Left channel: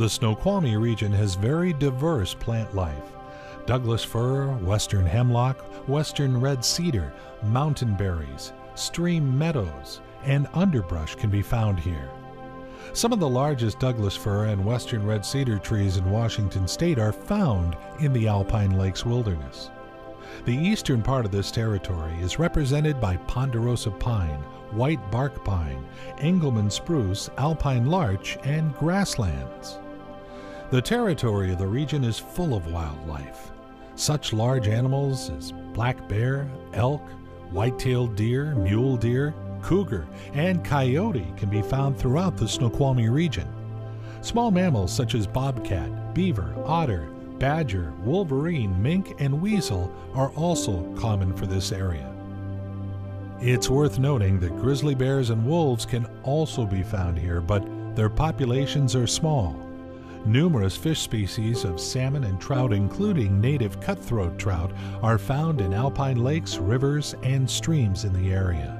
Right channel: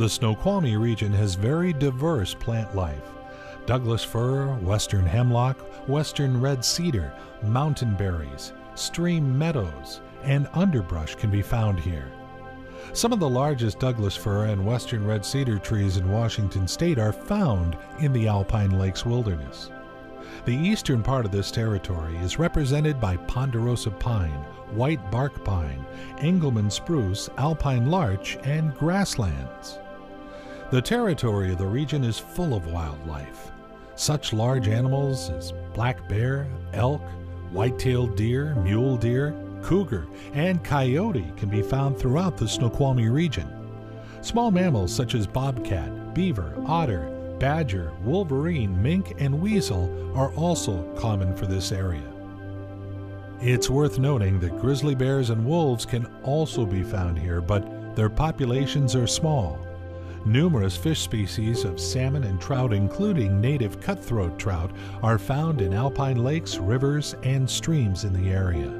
The Snoqualmie region has very diverse plant life. Douglas fir, western hemlock, western red cedar, mountain berries, stream meadows, and underbrush can be found here. Some of the largest Douglas fir and western red cedar trees in Washington state are found in the Alpine Lakes wilderness. The eastern part of this territory is represented by ponderosa pine, white bark pine, Engelmann spruce, alpine larch, and grasslands. The territory of the region is full of wildlife. Such large animals as black bear, elk, white-tailed deer, mule deer, cougar, and coyote can be found throughout the Snoqualmie region. Small mammals such as bobcat, beaver, otter, badger, wolverine, mink, and weasel are also common for this area. It's worth noting that grizzly bears and wolves can also be found here, but their populations are small. Numerous fish species of salmon and trout, including native cutthroat trout, are found in alpine lakes, rivers, and streams in the area.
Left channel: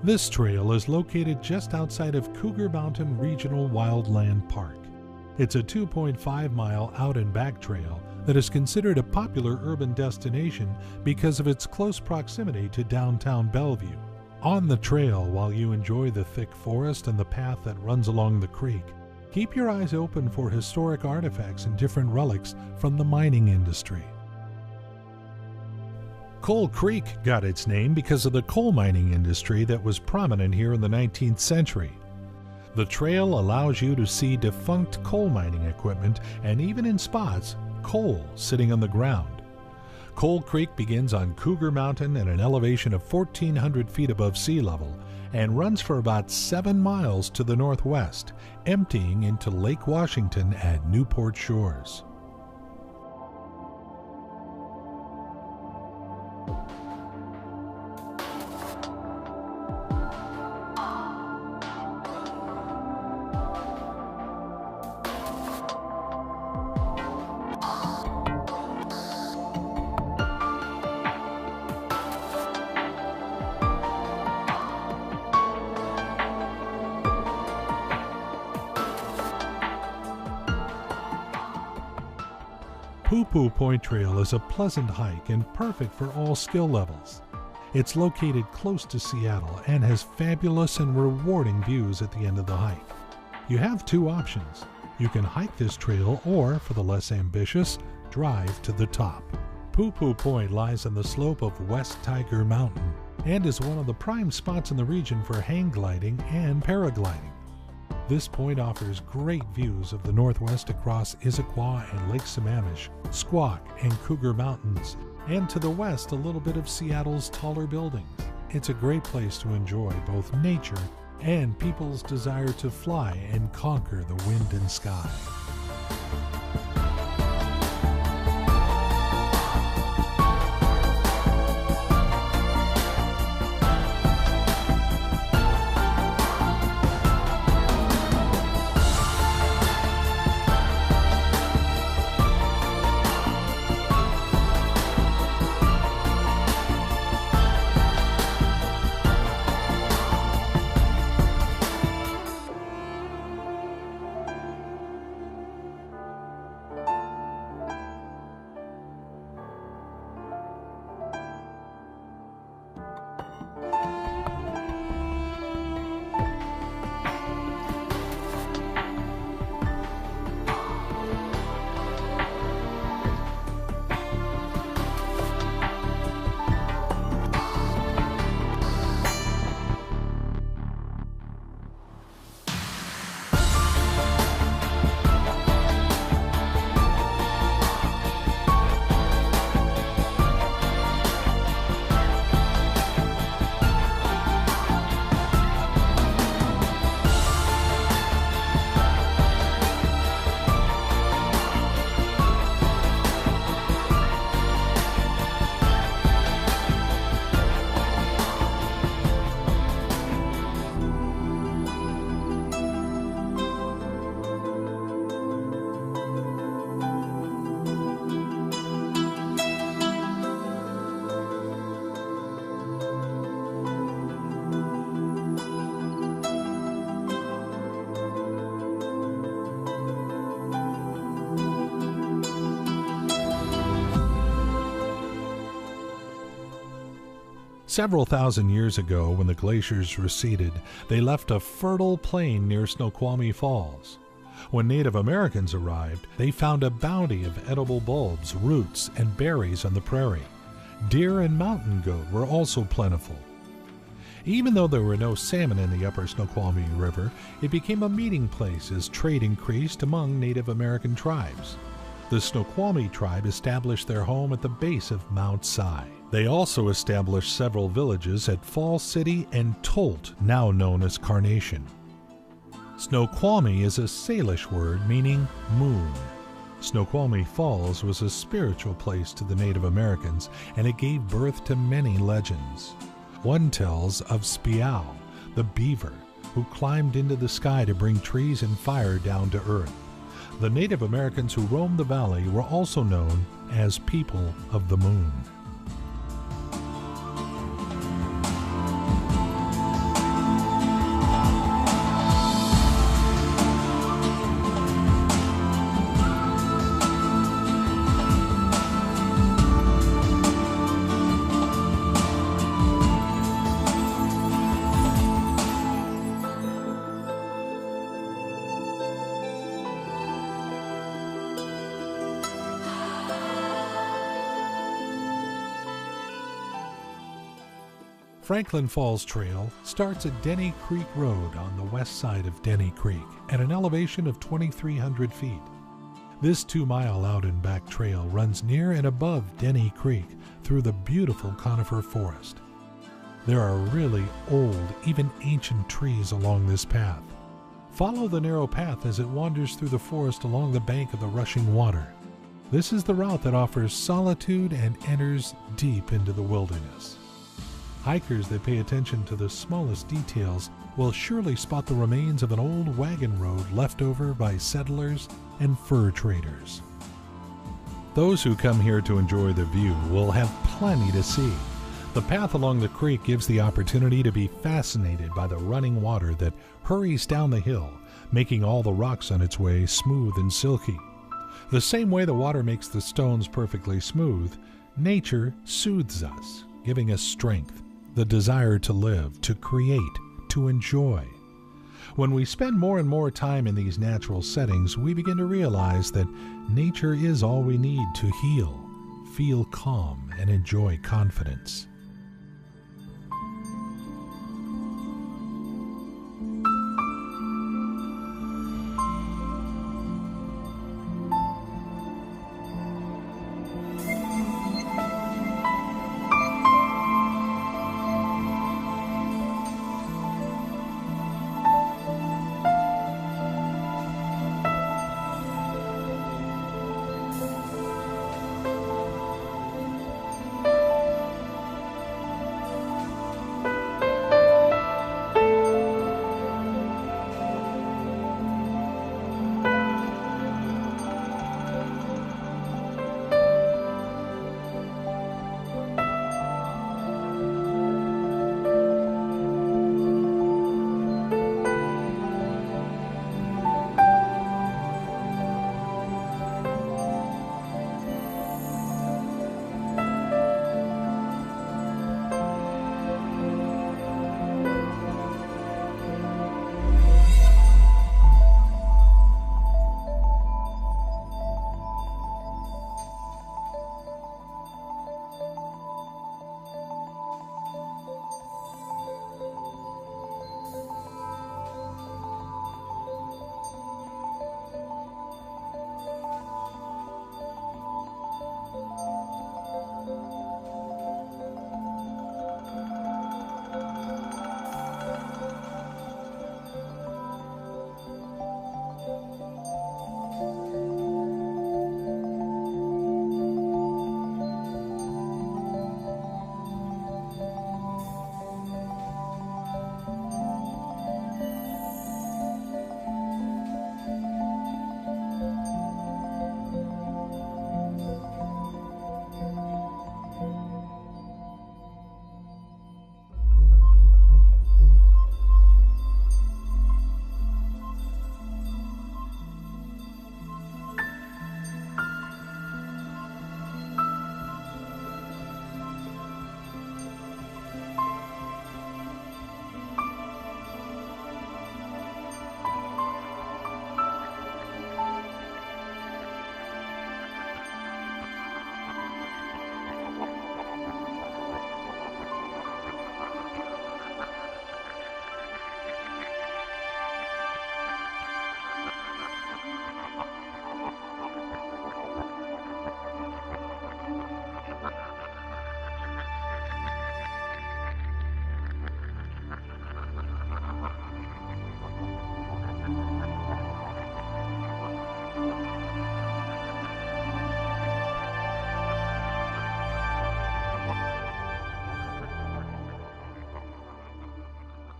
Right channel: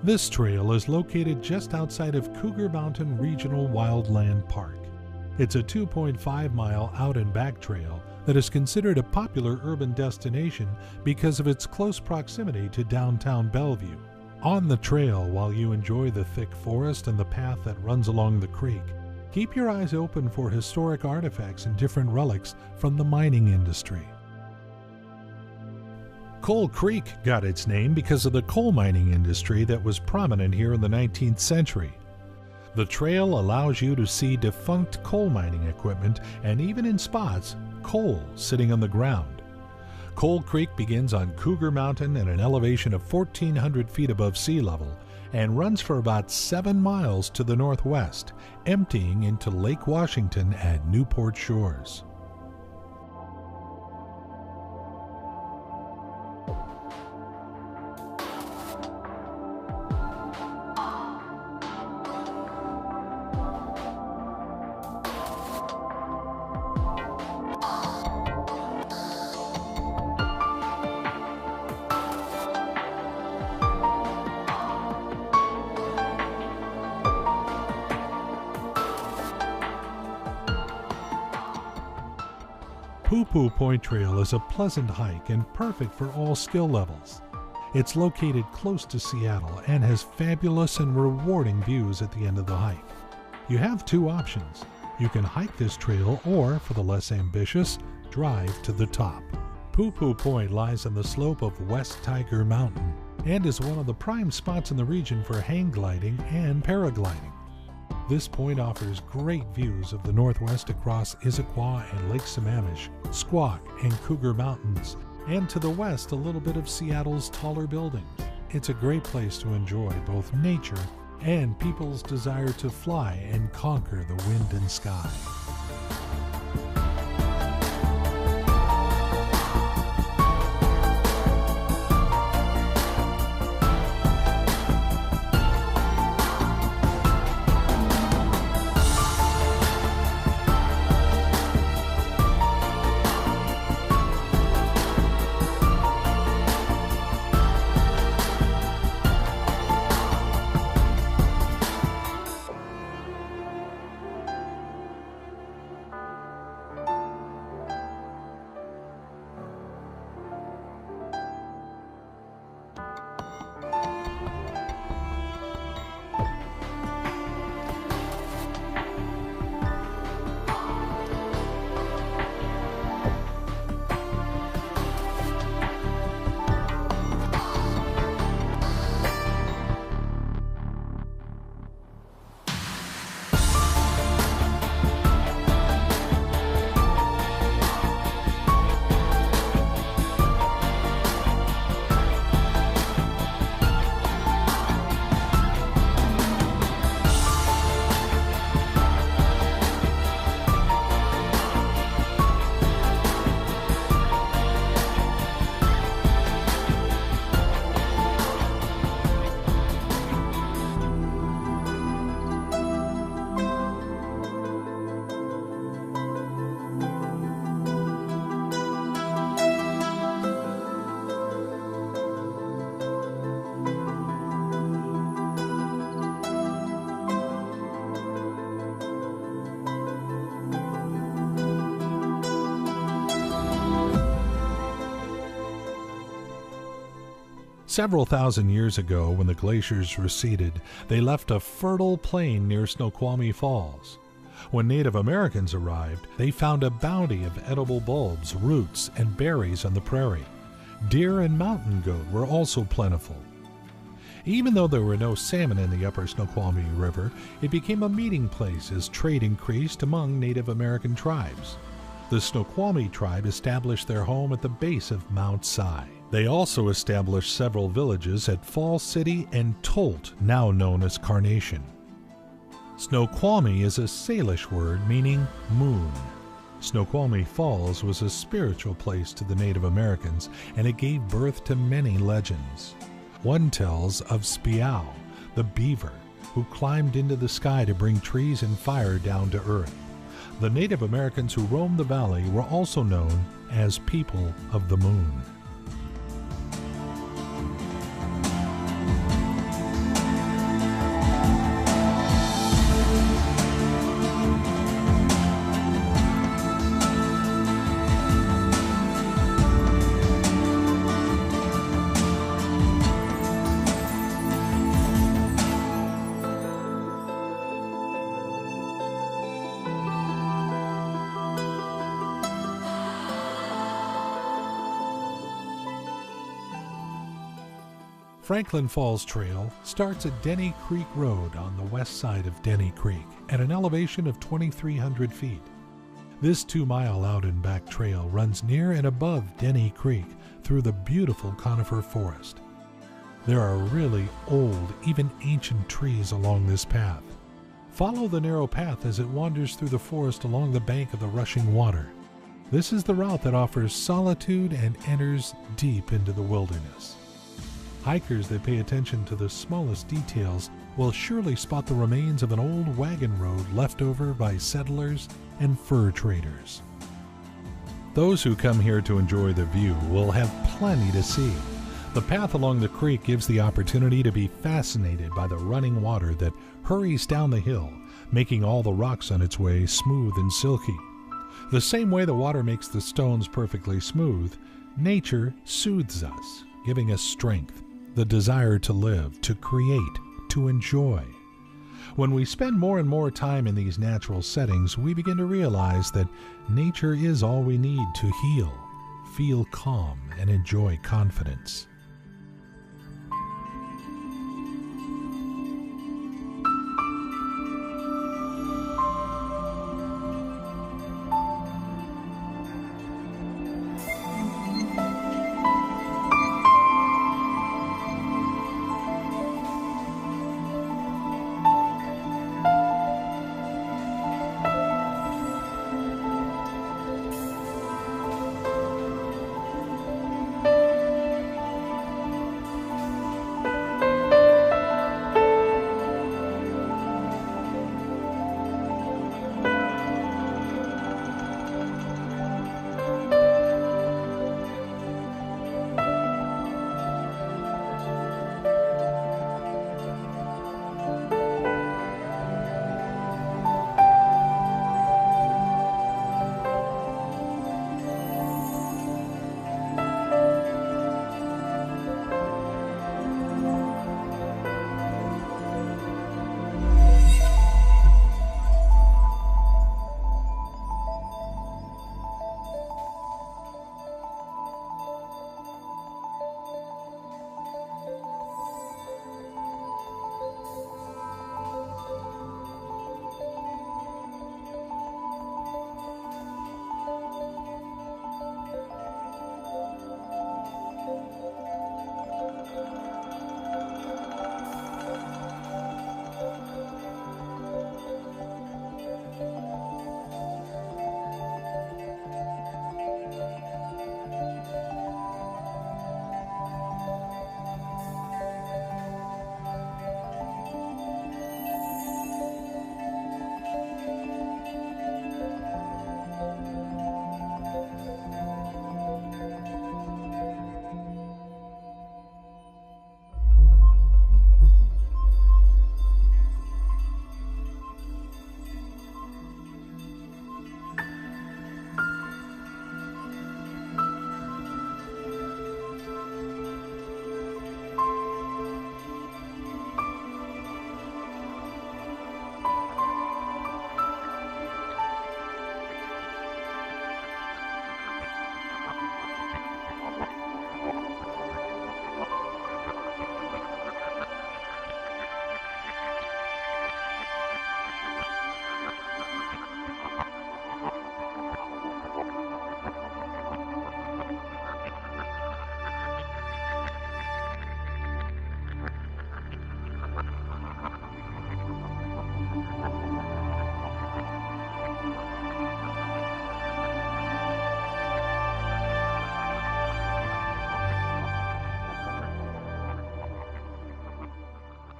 This trail is located just outside of Cougar Mountain Regional Wildland Park. It's a 2.5-mile out and back trail that is considered a popular urban destination because of its close proximity to downtown Bellevue. On the trail, while you enjoy the thick forest and the path that runs along the creek, keep your eyes open for historic artifacts and different relics from the mining industry. Coal Creek got its name because of the coal mining industry that was prominent here in the 19th century. The trail allows you to see defunct coal mining equipment and, even in spots, coal sitting on the ground. Coal Creek begins on Cougar Mountain at an elevation of 1,400 feet above sea level and runs for about 7 miles to the northwest, emptying into Lake Washington at Newport Shores. Poo-Poo Point Trail is a pleasant hike and perfect for all skill levels. It's located close to Seattle and has fabulous and rewarding views at the end of the hike. You have 2 options. You can hike this trail or, for the less ambitious, drive to the top. Poo-Poo Point lies on the slope of West Tiger Mountain and is one of the prime spots in the region for hang gliding and paragliding. This point offers great views of the northwest across Issaquah and Lake Sammamish, Squak and Cougar Mountains, and to the west a little bit of Seattle's taller buildings. It's a great place to enjoy both nature and people's desire to fly and conquer the wind and sky. Several thousand years ago, when the glaciers receded, they left a fertile plain near Snoqualmie Falls. When Native Americans arrived, they found a bounty of edible bulbs, roots, and berries on the prairie. Deer and mountain goat were also plentiful. Even though there were no salmon in the upper Snoqualmie River, it became a meeting place as trade increased among Native American tribes. The Snoqualmie tribe established their home at the base of Mount Si. They also established several villages at Fall City and Tolt, now known as Carnation. Snoqualmie is a Salish word meaning moon. Snoqualmie Falls was a spiritual place to the Native Americans, and it gave birth to many legends. One tells of Spiao, the beaver, who climbed into the sky to bring trees and fire down to earth. The Native Americans who roamed the valley were also known as People of the Moon. Franklin Falls Trail starts at Denny Creek Road on the west side of Denny Creek at an elevation of 2,300 feet. This 2-mile out-and-back trail runs near and above Denny Creek through the beautiful conifer forest. There are really old, even ancient trees along this path. Follow the narrow path as it wanders through the forest along the bank of the rushing water. This is the route that offers solitude and enters deep into the wilderness. Hikers that pay attention to the smallest details will surely spot the remains of an old wagon road left over by settlers and fur traders. Those who come here to enjoy the view will have plenty to see. The path along the creek gives the opportunity to be fascinated by the running water that hurries down the hill, making all the rocks on its way smooth and silky. The same way the water makes the stones perfectly smooth, nature soothes us, giving us strength, the desire to live, to create, to enjoy. When we spend more and more time in these natural settings, we begin to realize that nature is all we need to heal, feel calm, and enjoy confidence.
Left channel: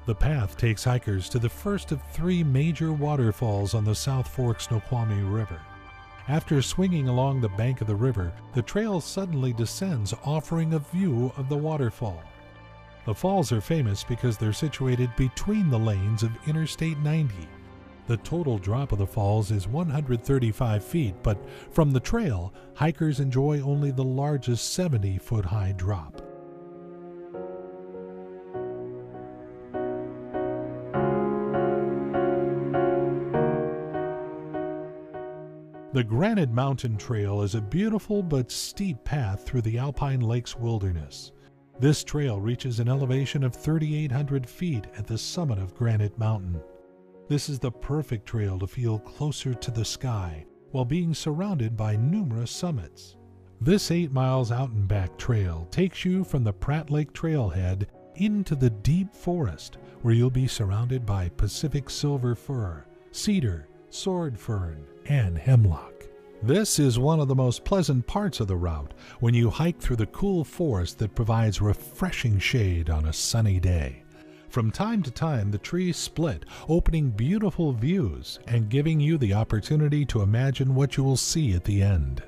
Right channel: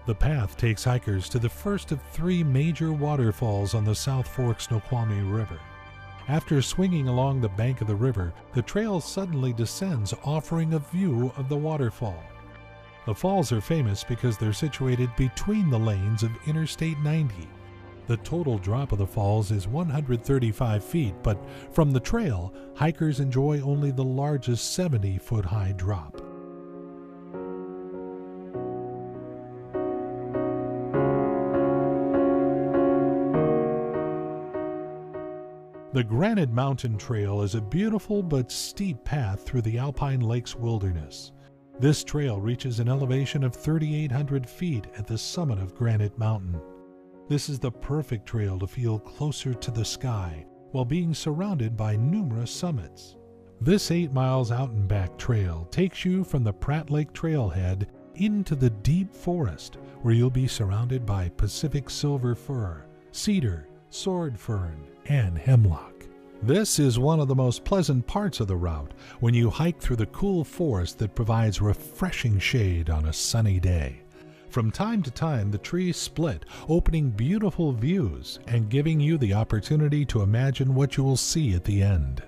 The path takes hikers to the first of 3 major waterfalls on the South Fork Snoqualmie River. After swinging along the bank of the river, the trail suddenly descends, offering a view of the waterfall. The falls are famous because they're situated between the lanes of Interstate 90. The total drop of the falls is 135 feet, but from the trail, hikers enjoy only the largest 70-foot-high drop. The Granite Mountain Trail is a beautiful but steep path through the Alpine Lakes wilderness. This trail reaches an elevation of 3,800 feet at the summit of Granite Mountain. This is the perfect trail to feel closer to the sky while being surrounded by numerous summits. This 8 miles out and back trail takes you from the Pratt Lake trailhead into the deep forest, where you'll be surrounded by Pacific silver fir, cedar, sword fern, and hemlock. This is one of the most pleasant parts of the route when you hike through the cool forest that provides refreshing shade on a sunny day. From time to time, the trees split, opening beautiful views and giving you the opportunity to imagine what you will see at the end.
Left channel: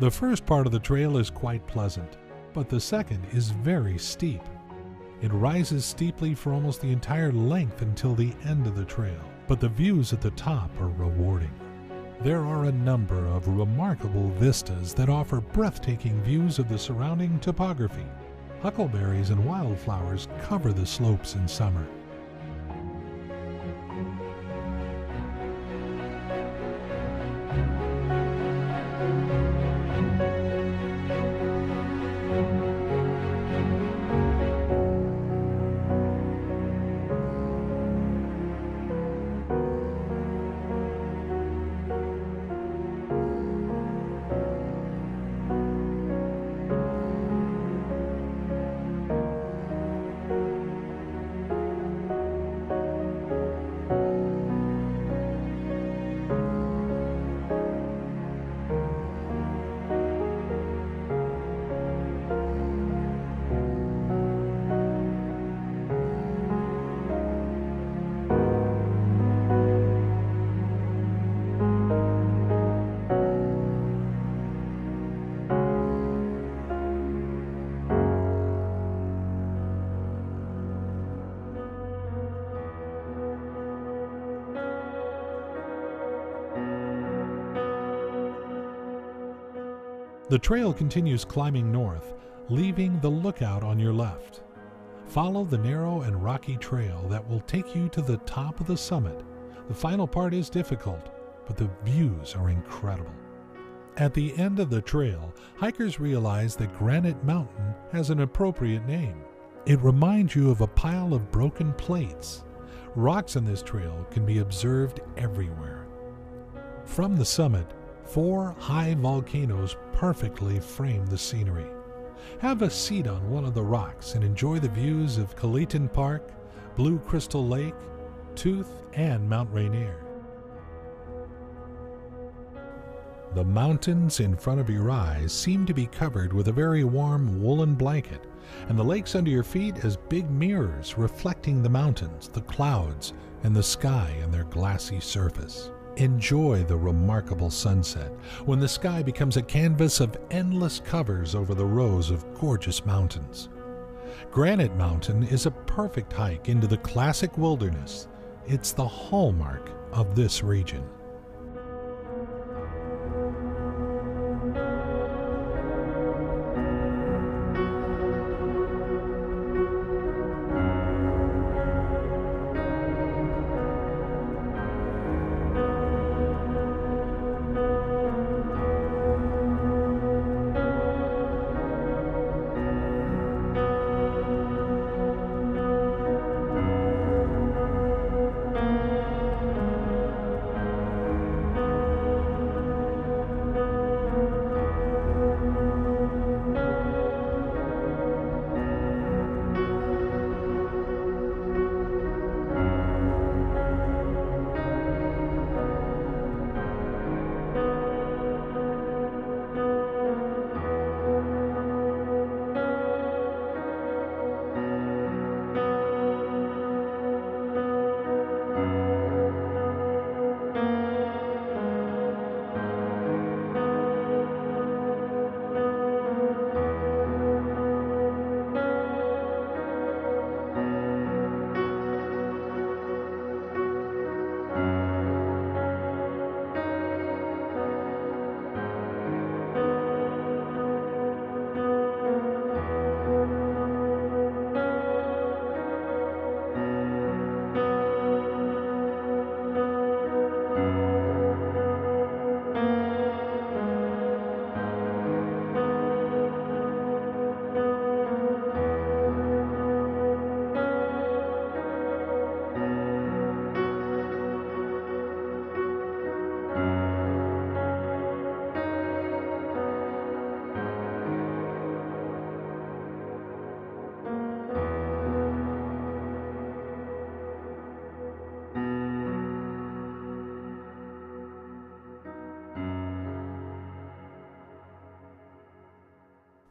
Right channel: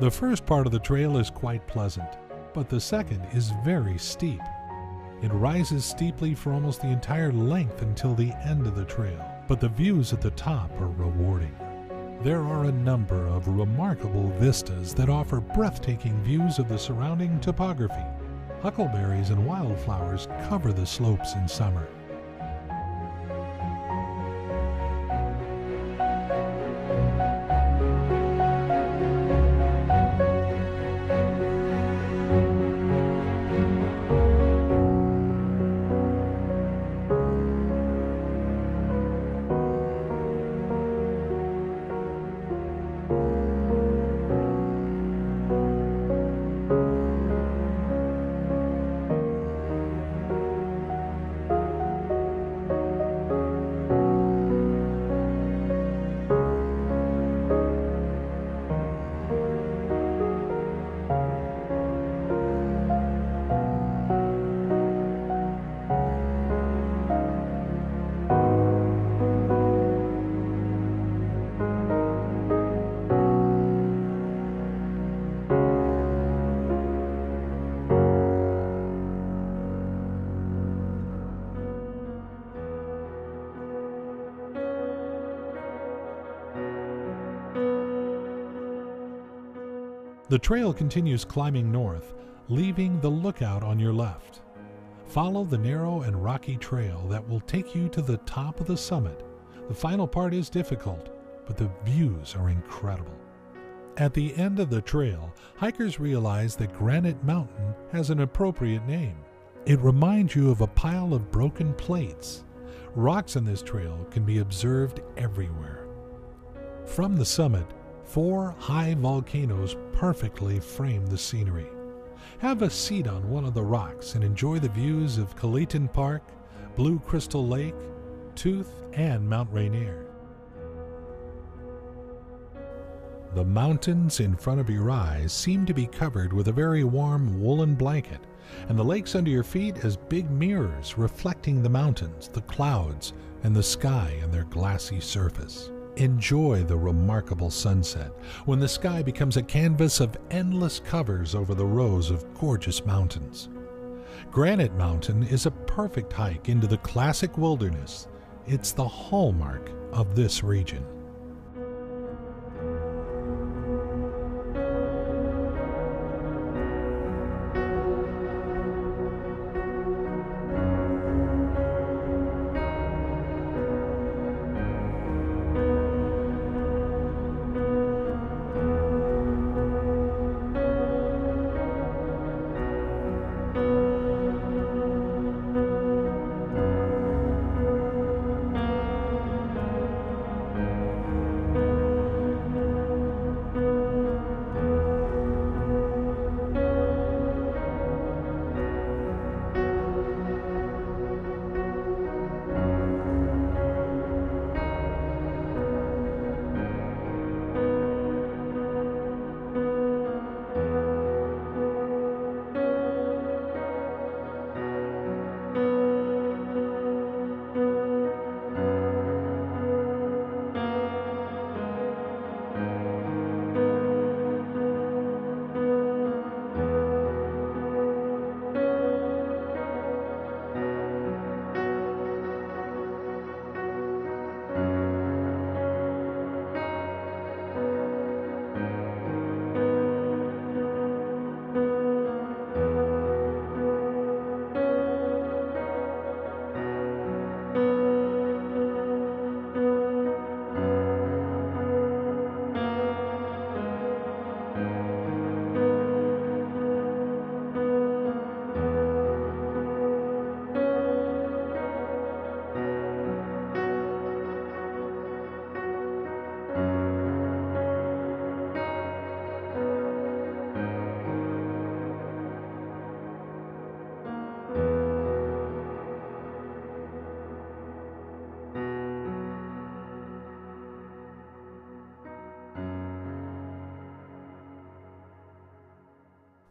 The first part of the trail is quite pleasant, but the second is very steep. It rises steeply for almost the entire length until the end of the trail, but the views at the top are rewarding. There are a number of remarkable vistas that offer breathtaking views of the surrounding topography. Huckleberries and wildflowers cover the slopes in summer. The trail continues climbing north, leaving the lookout on your left. Follow the narrow and rocky trail that will take you to the top of the summit. The final part is difficult, but the views are incredible. At the end of the trail, hikers realize that Granite Mountain has an appropriate name. It reminds you of a pile of broken plates. Rocks on this trail can be observed everywhere. From the summit, 4 high volcanoes perfectly frame the scenery. Have a seat on one of the rocks and enjoy the views of Kaliton Park, Blue Crystal Lake, Tooth, and Mount Rainier. The mountains in front of your eyes seem to be covered with a very warm woolen blanket, and the lakes under your feet as big mirrors reflecting the mountains, the clouds, and the sky on their glassy surface. Enjoy the remarkable sunset when the sky becomes a canvas of endless covers over the rows of gorgeous mountains. Granite Mountain is a perfect hike into the classic wilderness. It's the hallmark of this region.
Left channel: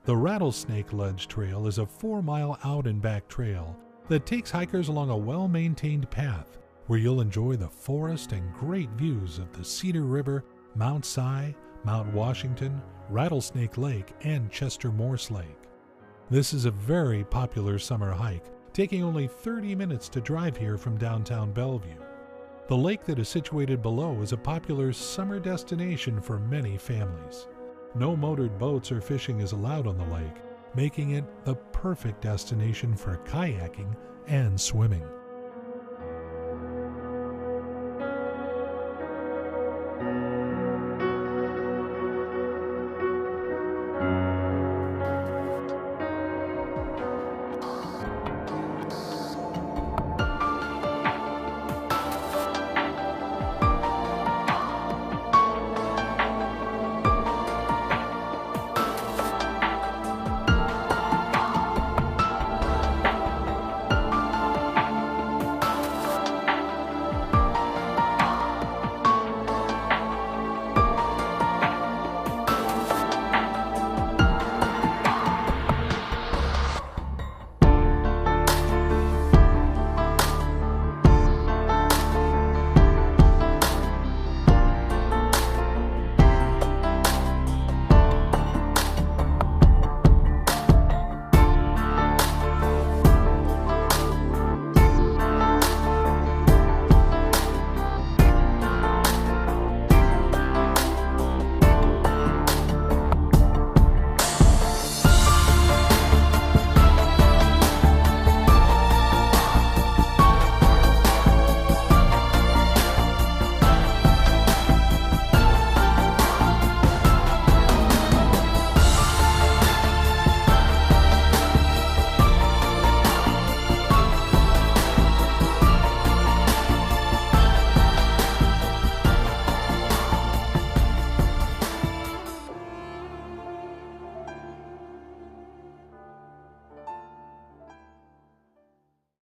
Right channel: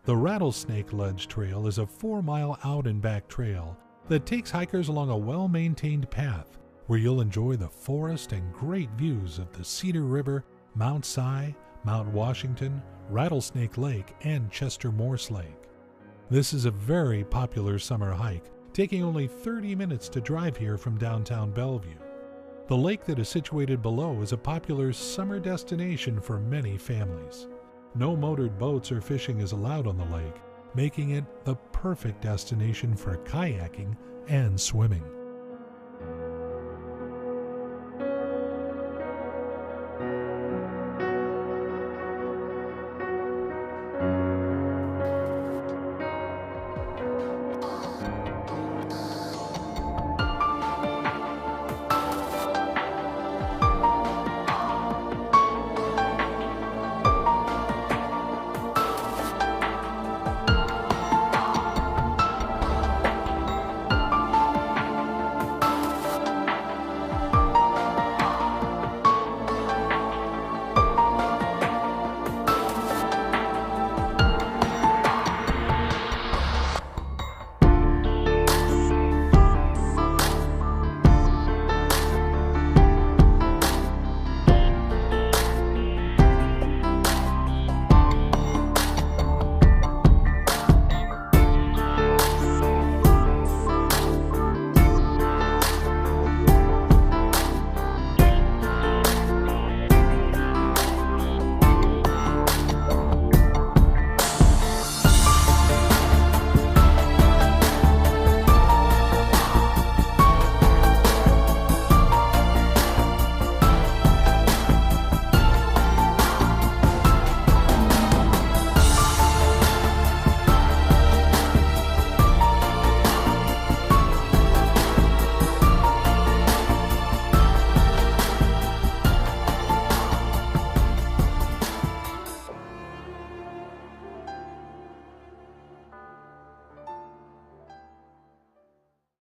The Rattlesnake Ledge Trail is a 4-mile out and back trail that takes hikers along a well-maintained path where you'll enjoy the forest and great views of the Cedar River, Mount Si, Mount Washington, Rattlesnake Lake, and Chester Morse Lake. This is a very popular summer hike, taking only 30 minutes to drive here from downtown Bellevue. The lake that is situated below is a popular summer destination for many families. No motored boats or fishing is allowed on the lake, making it the perfect destination for kayaking and swimming.